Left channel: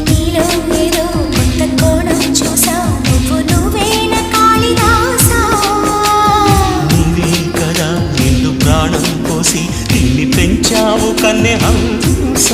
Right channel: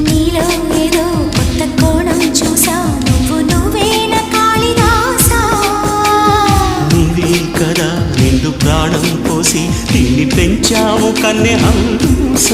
నీలో ఏదో కొత్త కోణం చూసా నువ్వేన కాళిదాసా నీవే కదా నిండు ప్రాణం పోసి దీన్ని పెంచావు కన్నె హంస